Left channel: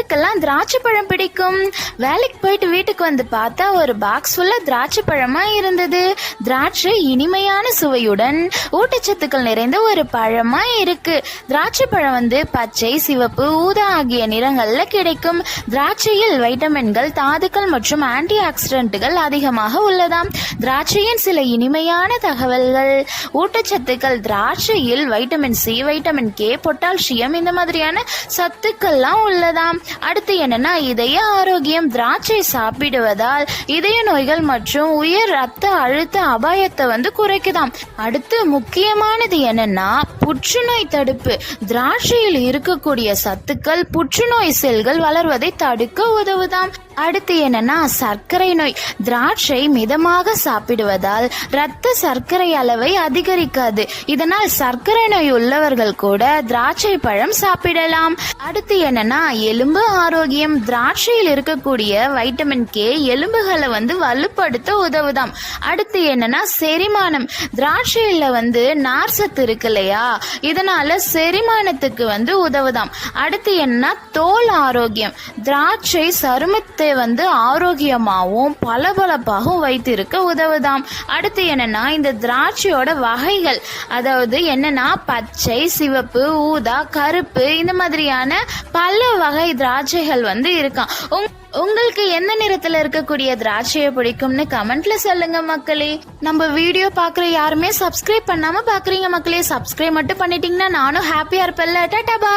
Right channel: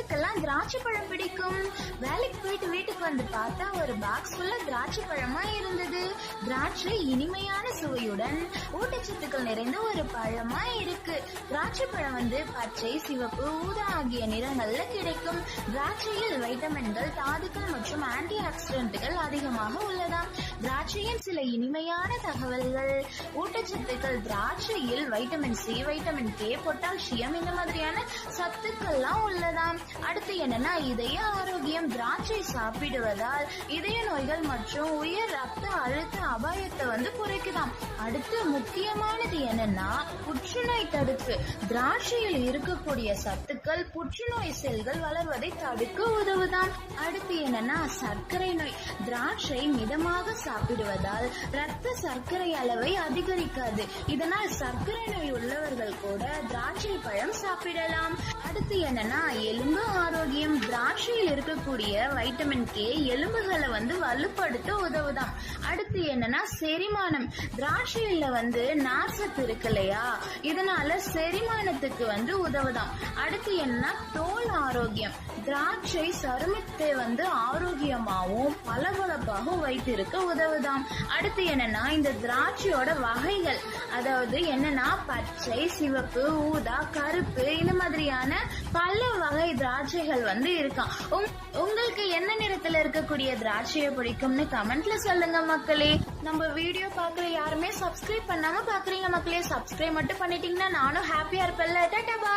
யாருக்கெல்லாம் திராட்சை பழம் பிடிக்கும். வேலைக்கு போயிட்டு வீட்டுக்கு வந்து பார்த்தா ஒரு பாக்ஸ் ஃபுல்லா திராட்சை பழமா இருந்தது. திராட்சை இனிமையான சுவையுடன் ஊட்டச்சத்துக்கள் நிறைந்த ஒரு பழமா இருக்கு. திராட்சை பழம் வந்து பச்சை சிவப்பு ஊதா ஆகிய நிறங்கள்ல கிடைக்கும். திராட்சையில் வைட்டமின்கள் தாதுக்கள் மற்றும் ஆன்டி ஆக்சிடென்ட்டுகள் அதிகமாக உள்ளதாம். திராட்சையின் சில இனிமையான தகவல்கள். ஊட்டச்சத்துக்கள் திராட்சையில் vitamin C vitamin K potassium இந்த மாதிரியான சத்துக்கள்லாம் உள்ளதாம். அடுத்து என்னன்னா இதய ஆரோக்கியம் திராட்சை சாப்பிடுவதால் இதய நோய்கள் மற்றும் உயர் ரத்த அழுத்த அபாயத்தை வந்து குறைக்குதாம். அடுத்து முக்கியமானது என்னன்னா புற்றுநோய் தடுப்பு. திராட்சையில் இருக்கக்கூடிய சத்துக்கள் புற்றுநோய் செல்கள் வளர்வதை தடுக்க உதவுதாம். அடுத்து என்னன்னா சர்க்கரை நோய். திராட்சை மிதமாக சாப்பிடுவதால் இரத்த சர்க்கரை அளவை அதிகரிக்காது. இதனால் சர்க்கரை நோய் உள்ளவர்கள் கூட திராட்சை பழம் சாப்பிடலாம். அடுத்து என்னன்னா எலும்பு ஆரோக்கியம். திராட்சையில் இருக்கக்கூடிய வைட்டமின் கே எலும்புகளை வந்து வலுப்படுத்த உதவுதாம். அடுத்து என்னன்னா செரிமானம். திராட்சையில வந்து நார் சத்து இருக்கு இல்லையா? இதனால செரிமானத்துக்கு வந்து உதவுதாம். அடுத்து என்னன்னா தோல் ஆரோக்கியம். திராட்சை சருமத்தை வந்து ஆரோக்கியமாகவும் பளபளப்பாகவும் வைத்திருக்க உதவுதாம். அடுத்து என்னன்னா இந்த திராட்சையோட வகைகள். அதாவது என்னன்னா பச்சை சிவப்பு ஊதா கருப்பு இந்த மாதிரியான பல வகை திராட்சைகள் வந்து இருக்காம். உங்- உங்களுக்கு எந்த நிறத்துல இருக்கக்கூடிய திராட்சையை பிடிக்கும்னு கமெண்ட்ல சொல்லுங்க மக்களே. நம்ம வீடியோ பாக்குற யாருமே சப்ஸ்கிரைப் பண்ணாம பாக்குறீங்க மக்களே. சப்ஸ்கிரைப் மட்டும் பண்ணிட்டீங்கன்னா நானும் ஹாப்பியா இருப்பேன்ல. டாடா bye.